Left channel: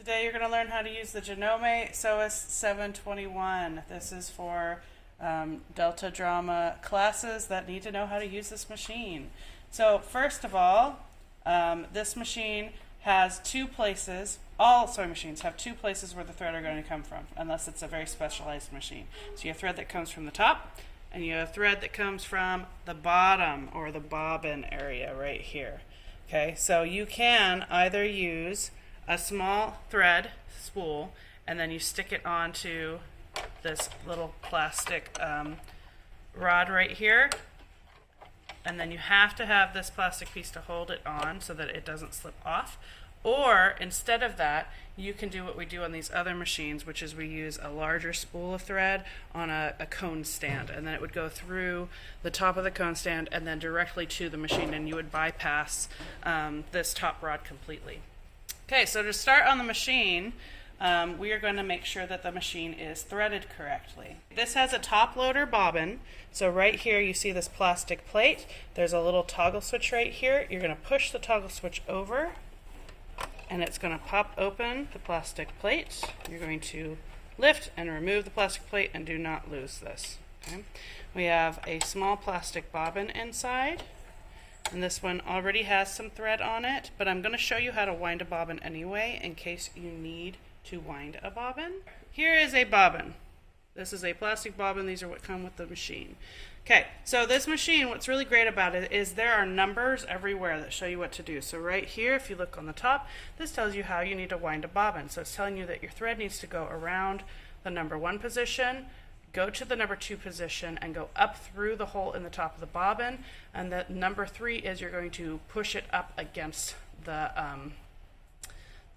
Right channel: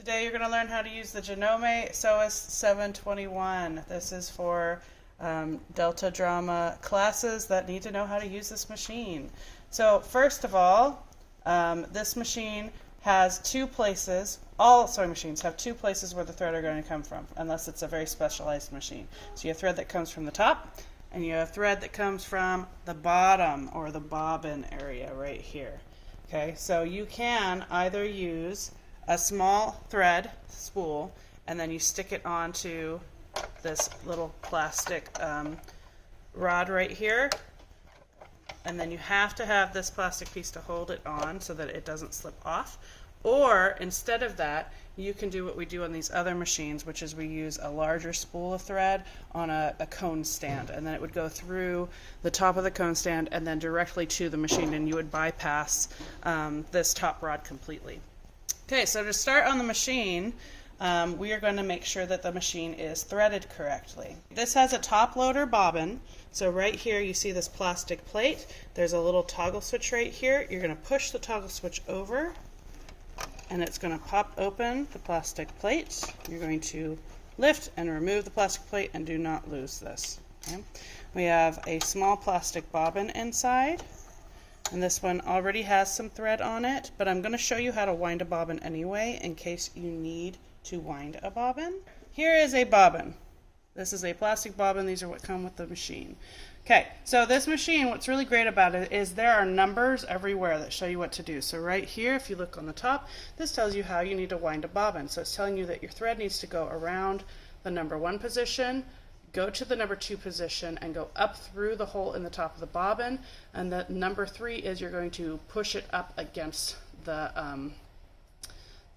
Today you're going to learn how to use the Janome Sewist 721. This is for Delta Drama classes that need to know how to use this machine. So first of all, this machine has two places. All sewing machines have two places where the thread are going to come from, unless it's a very specialized machine. So you have thread that comes from the top, and you have thread that comes from the bottom, or the bobbin area right here. Okay, so you can either use a small thread spool and then you stick it onto this little plastic rod right here, and then you have to have this plastic piece to hold it on so that it doesn't slip off. Or instead of that, you can do what we do on these other machines, which is we use a larger spool of thread on a cone stand, and then it would go through the top of the cone stand and then directly to the machine, and you would bypass this top rod completely. Okay, so to start on the machine, we are going to make sure that the machine is threaded correctly. This has a top loader bobbin, so right here you see this plastic plate. There's a little toggle switch right here. You're going to push the toggle switch over, and it's going to pop open the plastic plate. You're going to lift and remove the plastic plate, and do not lose this. Okay? We have a small plastic bobbin inside, and this one already has some thread on it, but I'm going to show you how to wind a bobbin anyway in case you need to wind a bobbin. Here is a bobbin. This is a plastic bobbin. These are what come with the machine. Okay, so this machine, what's really great about it is there are numbers everywhere that show you what to do. So right here, if you look on the top, this tells you how you need to wind a bobbin. So it's telling you that your thread needs to go around the number 1 position, go to the number 2 position, and go up through the hole in the top of the bobbin. And that number 3 is you're going to push it up against the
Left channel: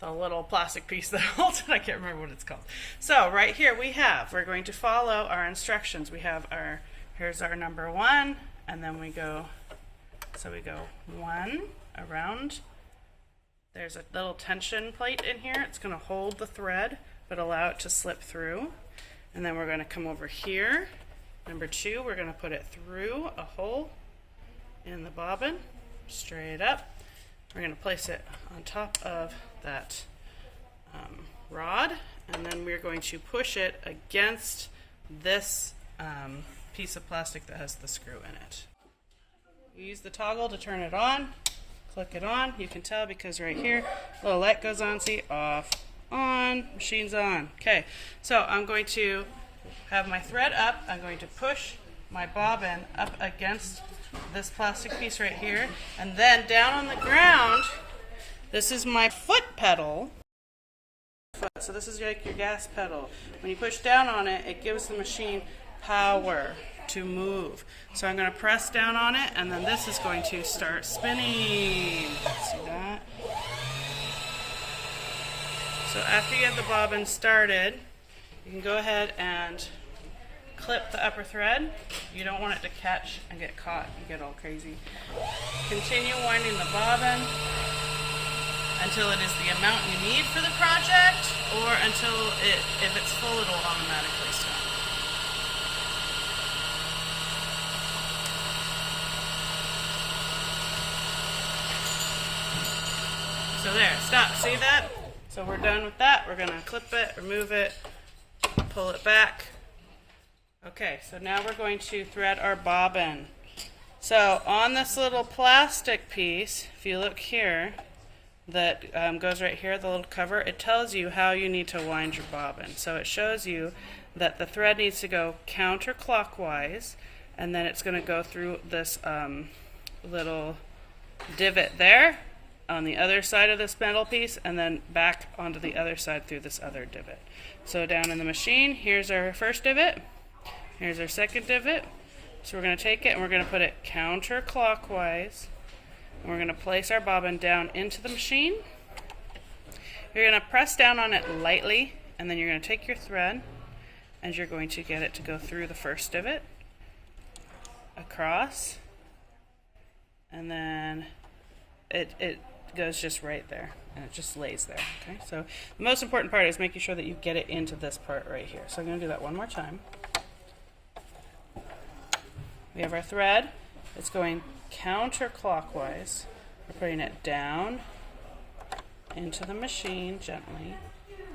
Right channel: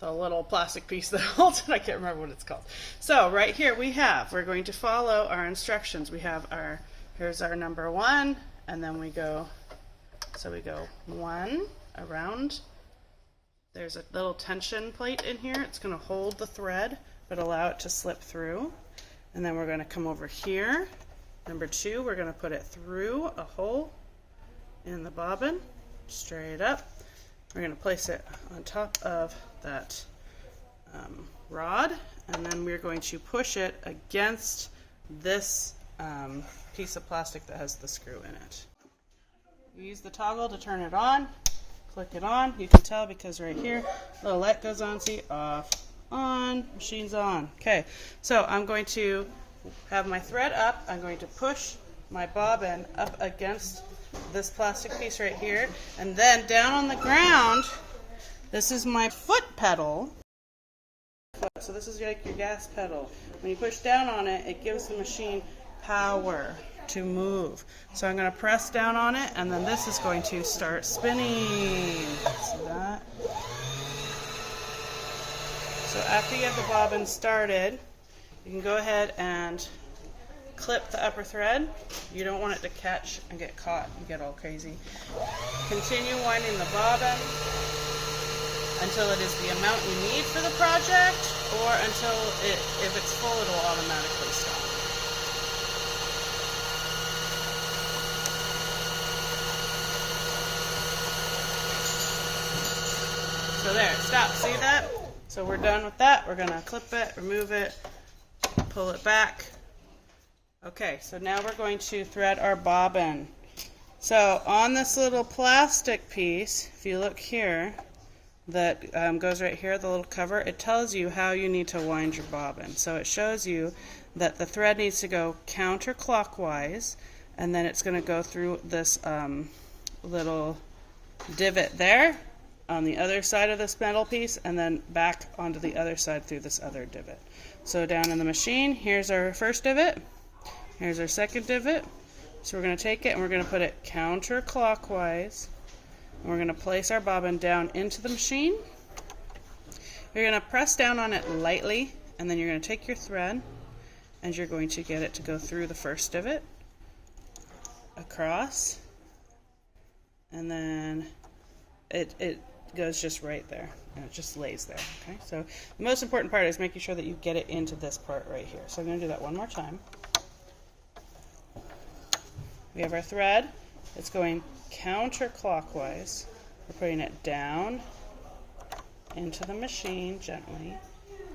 little plastic piece that holds it. I can't remember what it's called. So right here we're going to follow our instructions. We have here's our number 1, and then we go 1 around. There's a little tension plate in here. It's going to hold the thread but allow it to slip through. And then we're going to come over here. Number 2, we're going to put it through a hole in the bobbin, straight up. We're going to place it on top of that rod, and then we're going to push it against this piece of plastic that has the screw in it. You use the toggle to turn it on, click it on. You can tell because right here, the little light goes on, see, off, on, machine's on. Okay, so I'm going to have my thread up. I'm going to push my bobbin up against this plastic piece right here, and then down on the ground, this is my foot pedal. So this is like your gas pedal. When you push down on it, it gives the machine power to move. So I'm going to press down on it, and then this is going to start spinning. See that? So after you have the bobbin started, you can go ahead and clip the upper thread. You don't want it to catch and get caught. You get all crazy. Continue winding the bobbin until it is the amount you need for the project, or until if it's full, it'll automatically stop. So there, stop. See that? So we're done with that. We're going to clip it, remove it, pull it back. Okay, so now we're going to thread our bobbin. So on this little plastic piece, if you look here, that goes right here, the little cover, it tells you how you need to wind your bobbin. So it shows you that the thread needs to go counterclockwise, and then it's going to go through this little divot there on the other side of this metal piece, and then back onto the other side through this other divot. So down in the machine, here's our first divot. Here's our second divot. So we're going to take it and we're going to put it counterclockwise. And we're going to place our bobbin down into the machine. You're going to press down on it lightly, and then you're going to take your thread and you're going to get it to go through the first divot, across, and then it goes just right there, and it just lays there. Okay, so the most important part is making sure that you get it into this part right here. So I'm going to do that one more time. We have our thread. It's going counterclockwise. We're putting it down into the machine gently,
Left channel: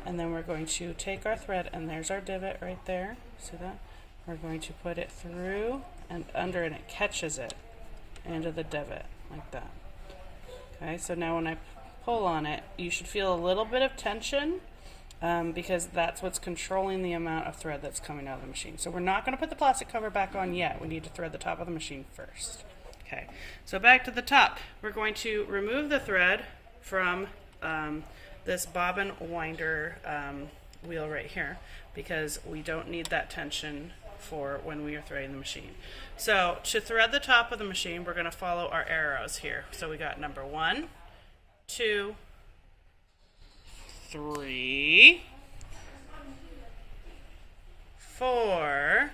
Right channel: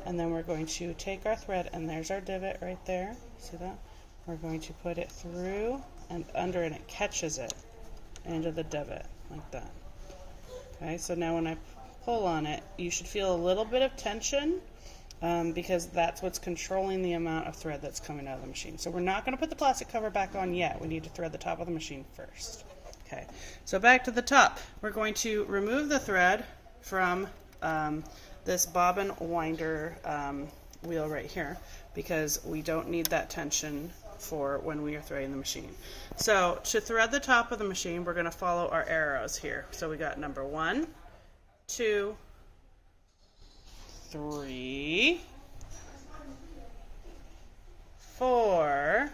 and then we're going to take our thread, and there's our divot right there. See that? We're going to put it through and under, and it catches it into the divot like that. Okay, so now when I pull on it, you should feel a little bit of tension because that's what's controlling the amount of thread that's coming out of the machine. So we're not going to put the plastic cover back on yet. We need to thread the top of the machine first. Okay, so back to the top. We're going to remove the thread from this bobbin winder wheel right here because we don't need that tension for when we are threading the machine. So to thread the top of the machine, we're going to follow our arrows here. So we got number 1, 2, 3, 4,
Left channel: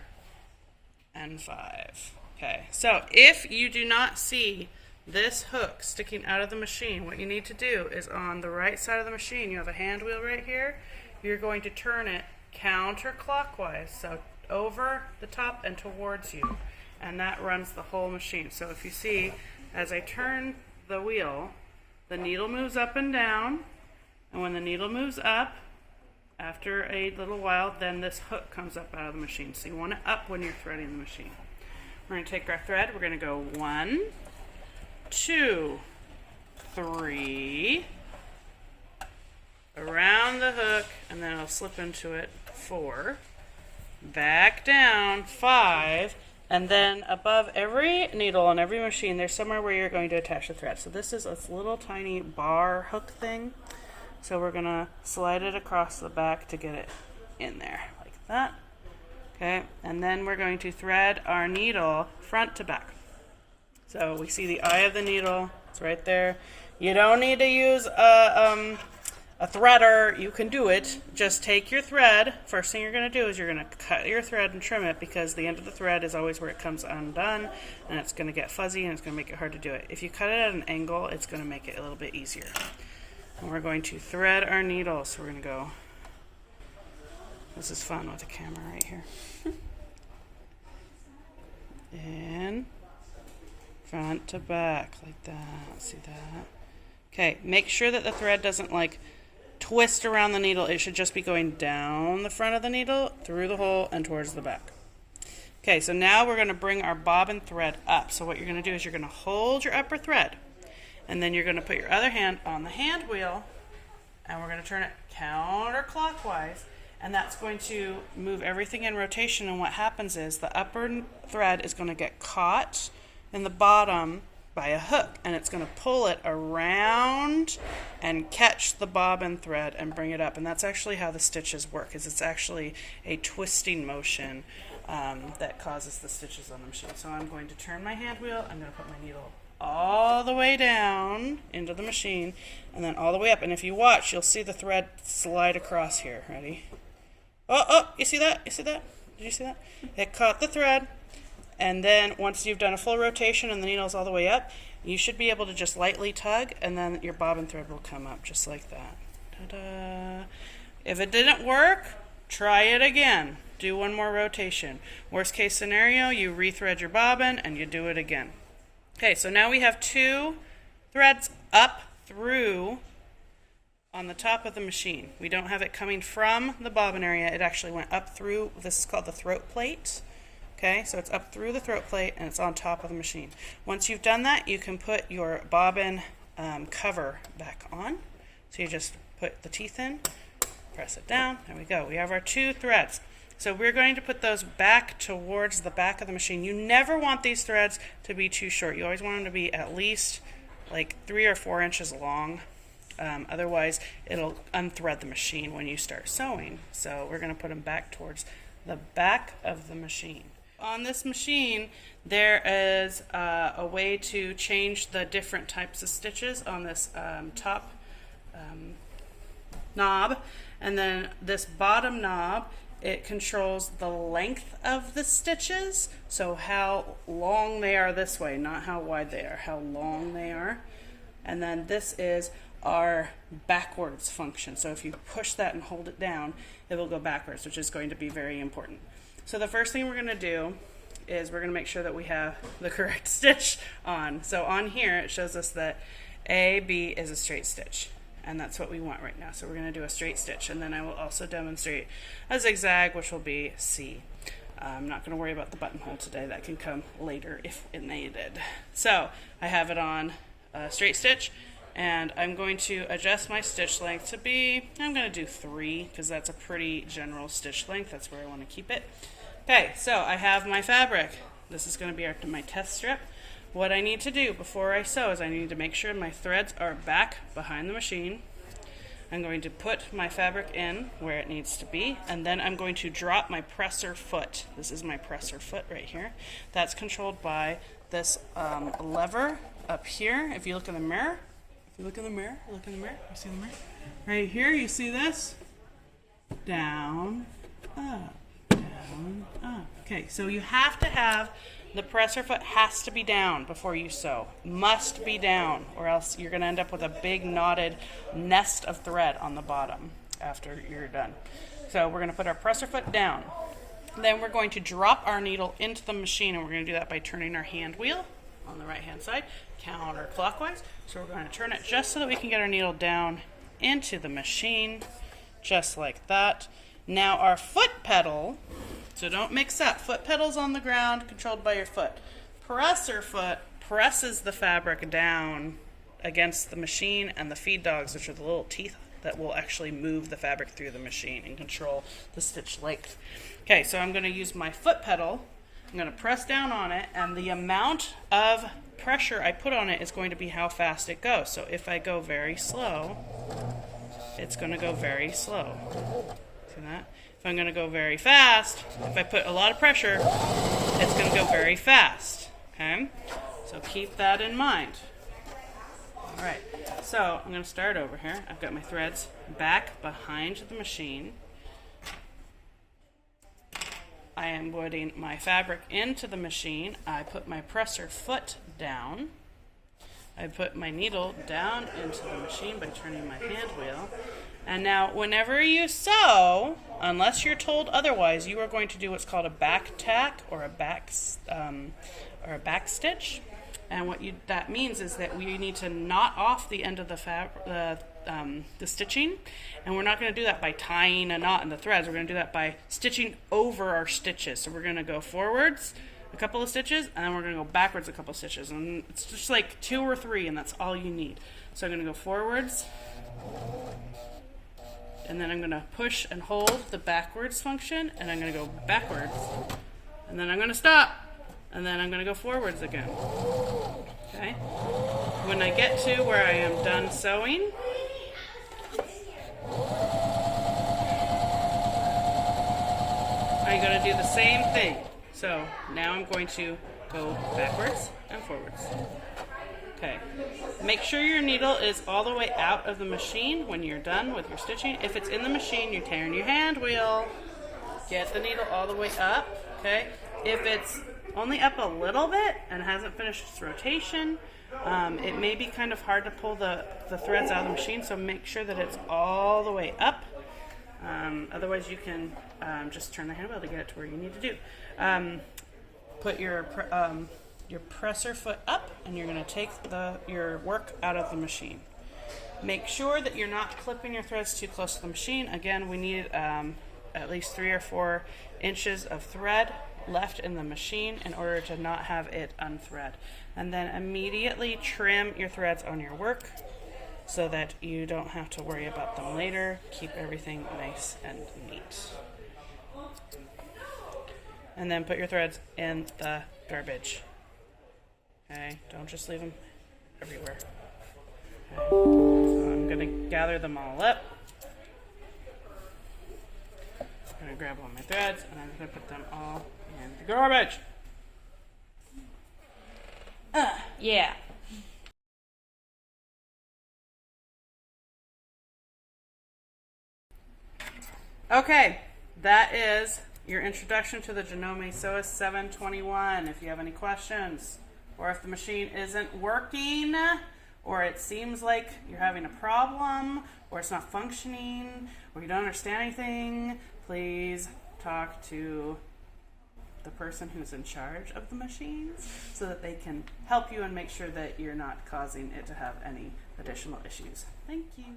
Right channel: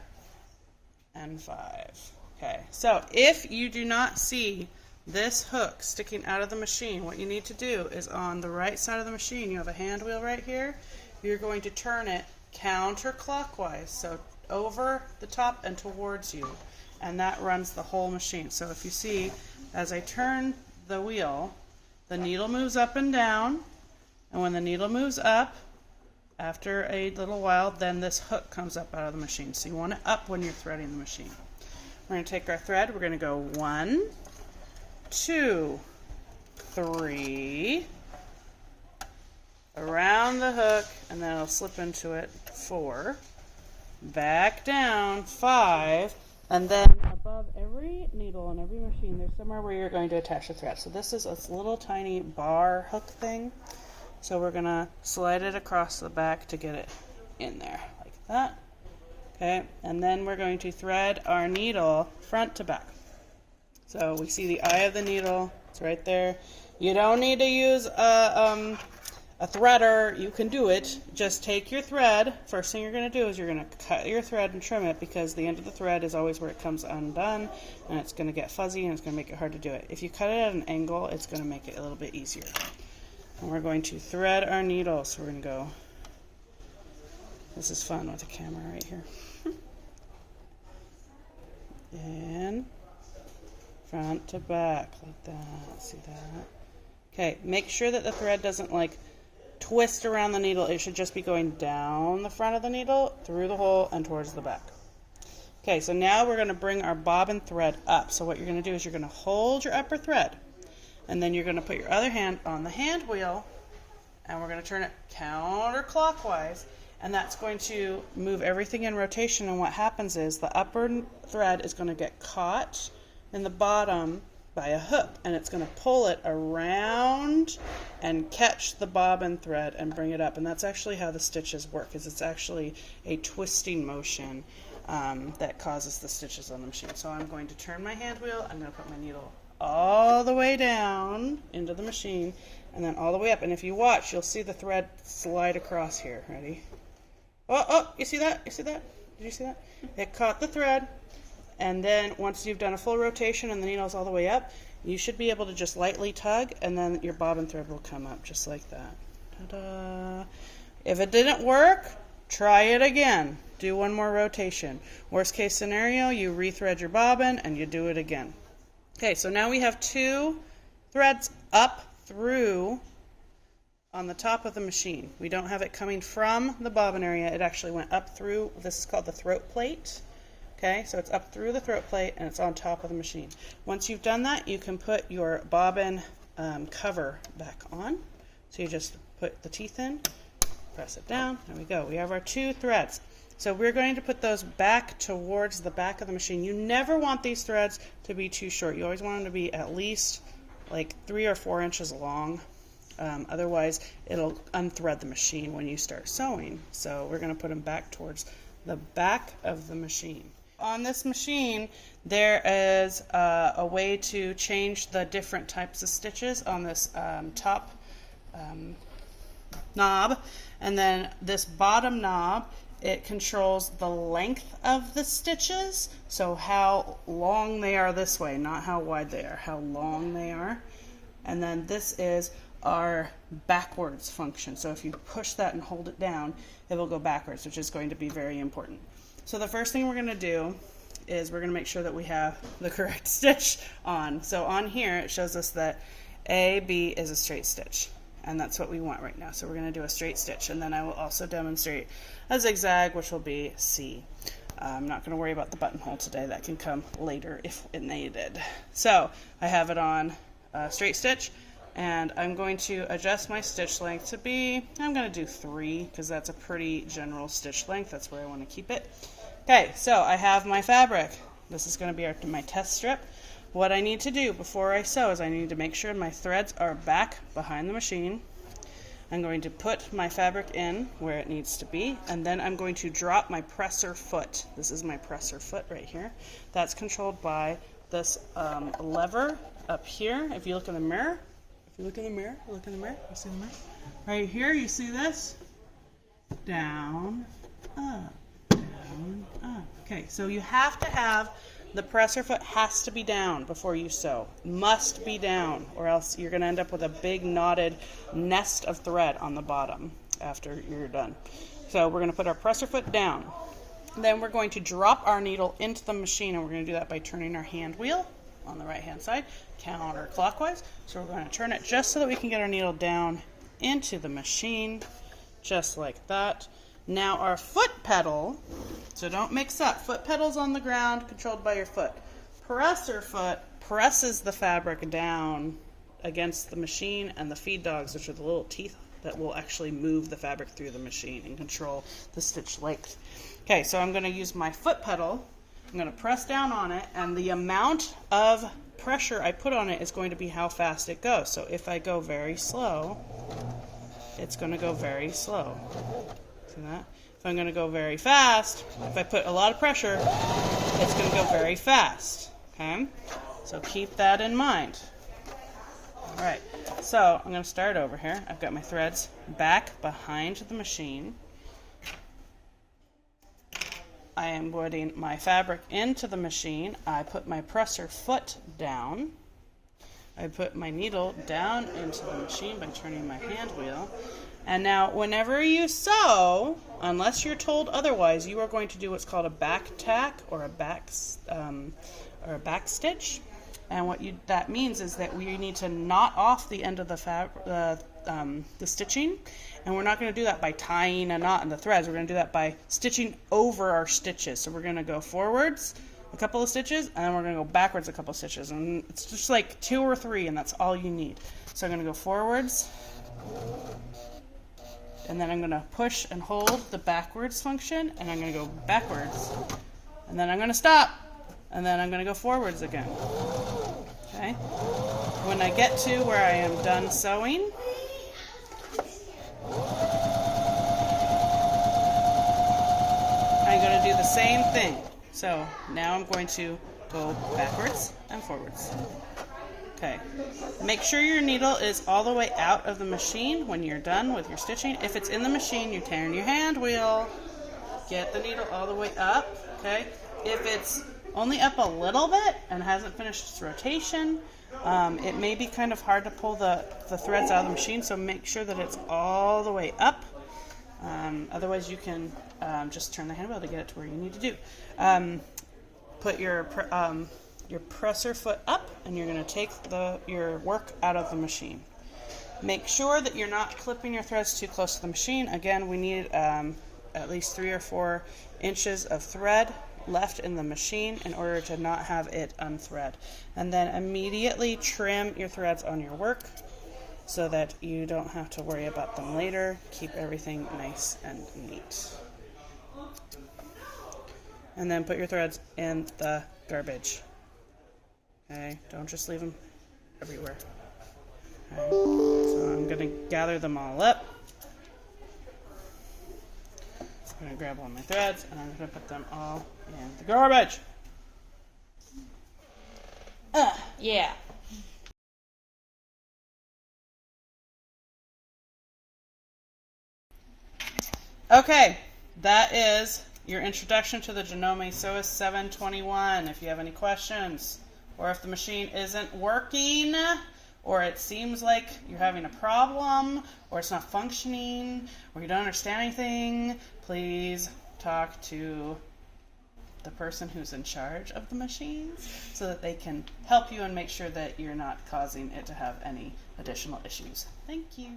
and 5. Okay, so if you do not see this hook sticking out of the machine, what you need to do is on the right side of the machine, you have a hand wheel right here. You're going to turn it counterclockwise, so over the top and towards you, and that runs the whole machine. So if you see, as I turn the wheel, the needle moves up and down, and when the needle moves up, after a little while, then this hook comes up out of the machine. So you want it up when you're threading the machine. We're going to take our thread, we're going to go 1, 2, 3, around the hook, and then it'll slip into it, 4, back down, 5, and then above every needle on every machine, there's somewhere where you're going to attach the thread. So this is a little tiny bar hook thing. So we're going to slide it across the back to get it in there, like that. Okay, and then we're going to thread our needle front to back. So we see the eye of the needle, it's right there. You don't need to use a threader, you can do it. Just take your thread. First thing you're going to do is you're going to cut your thread and trim it because the end of the thread is always where it comes undone and it's going to get fuzzy and it's going to make it hard to do it. If you cut it at an angle, it's going to make it a little bit easier. And we're going to thread our needle. So we're going to go, this is fun with the camera right here. And front to back like that. See that? Okay, make sure that the thread doesn't like twist around the needle. It should just be going down the front of the needle, through the hole, and towards the back. Okay, so now we're going to bring our bobbin thread up. So what you're going to do is you're going to hold your upper thread, and then you're going to put your other hand on the hand wheel, and we're going to turn it counterclockwise, and that's going to move everything in rotation. And what happens is the upper thread is going to get caught in the bottom by a hook, and it's going to pull it around and catch the bobbin thread and bring it up. And that's actually how the stitches work, is it's actually a twisting motion that causes the stitches on the machine. So I'm going to turn my hand wheel, I'm going to put my needle all the way down into the machine and then all the way up. And if you watch, you'll see the thread slide across here. Ready? Oh, you see that? You see that? Did you see that? It caught the thread. And then once you've done a full rotation and the needle's all the way up, you should be able to just lightly tug, and then your bobbin thread will come up just like that. Ta-da! If it didn't work, try it again. Do one more rotation. Worst case scenario, you rethread your bobbin and you do it again. Okay, so now we have 2 threads up through on the top of the machine. We don't have it coming from the bobbin area. It actually went up through, this is called the throat plate. Okay, so it's up through the throat plate and it's on top of the machine. Once you've done that, you can put your bobbin cover back on. So you just put the teeth in, press it down, there we go. We have our 2 threads. So we're going to put those back towards the back of the machine. You never want these threads to be too short. You always want them to be at least like 3 or 4 inches long. Otherwise, it'll unthread the machine when you start sewing. So we're going to put them back towards the back of the machine. On this machine, there is a way to change the different types of stitches on this top knob, and then this bottom knob, it controls the length of the stitches, so how long they are this way, not how wide they are, how long they are. And then this is our backwards function, so if you push that and hold it down, it will go backwards, which is going to be very important. So the first thing we're going to do is we're going to make sure that we have the correct stitch on. So on here it shows us that A, B is a straight stitch. and that's what we want right now. So we're going to do a straight stitch, and then I will also demonstrate a zigzag, which will be C. I'm not going to worry about the buttonhole today. That can come later if needed. So I have it on straight stitch, and I'm going to adjust my stitch length to be, I'm going to do 3 because that's a pretty general stitch length. That's where I want to keep it. Okay, so I have my fabric. This is going to be my test strip. What I need to do before I sew is I need to make sure my threads are back behind the machine. I'm going to put my fabric in where it needs to be, and then I'm going to drop my presser foot. This is my presser foot right here. That's controlled by this lever up here. If you look in the mirror, you see the mirror? Right here, you see this? Down, up, down, up. Okay, so you have to have the presser foot has to be down before you sew. Must be down, or else you're going to end up with a big knotted nest of thread on the bottom after you're done. So we're going to put our presser foot down. Then we're going to drop our needle into the machine, and we're going to do that by turning our hand wheel on the right hand side counterclockwise. So we're going to turn it just so that we can get our needle down into the machine, just like that. Now our foot pedal, so don't mix up. Foot pedal's on the ground, controlled by your foot. Presser foot presses the fabric down against the machine, and the feed dogs, which are the little teeth that will actually move the fabric through the machine and control the stitch length. Okay, so I'm going to use my foot pedal. I'm going to press down on it, and the amount of pressure I put on it is going to be how fast it goes. So if I go very slow, it's going to go very slow. See that? If I'm going to go very fast, if I put a lot of pressure, it's going to go very fast. Okay? So keep that in mind. All right. So I'm going to start over here. I've got my threads back behind the machine. I am putting my fabric into the machine. I put my presser foot down. I put my needle down into the machine by turning my hand wheel. And now whenever you sew, unless you're told otherwise, you are going to do what's called a back tack or a back stitch. And what that means is that we need to knot off the end of the stitching, and we're not going to do that by tying a knot in the threads. We're going to do that by stitching over our stitches. So we're going to go forwards a couple of stitches, and then we're going to go backwards a couple of stitches, and it's just like 2 or 3, and that's all you need. So I'm going to go forwards, and then I'm going to push and hold the backwards function, and I'm going to go backwards, and then I'm going to stop, and then I'm going to go forwards again. Okay? When I get to where I am done sewing, I'm going to do the same thing. So now I'm going to go backwards and forwards. Okay. Make sure your needle is all the way out of the machine when you're done with your stitching. If it's in the machine, you turn your hand wheel. Get the needle all the way up. Okay. If it's only up a little bit and hasn't finished its rotation, it may be kind of hard to pull the threads out of the machine, so make sure that it's all the way up. Otherwise you can just turn the hand wheel to get it to where you need to do. Put your presser foot up, and you're going to take your work out of the machine. Make sure that you're not clipping your threads too close to the machine. Again, we need at least 3 or 4 inches of thread left in the machine in order to not have it unthread. And then immediately trim your threads on your work so that you don't have to worry about them later. Keep everything nice and neat. And then put your threads in the garbage. Okay, don't just leave them everywhere. Okay, so I'm going to gather them all up. I'm going to grab all my threads, and I'm going to put them all in the garbage. Yeah. Okay, that is your introduction to the Janome Sewist 721. If you have any questions, or if the machine isn't working, or it seems like you're having a problem, or it's not functioning, or you don't understand anything, please talk to the person who's in charge of the machines so that they can help you and make sure that you're not causing it to have any additional issues. Thank you.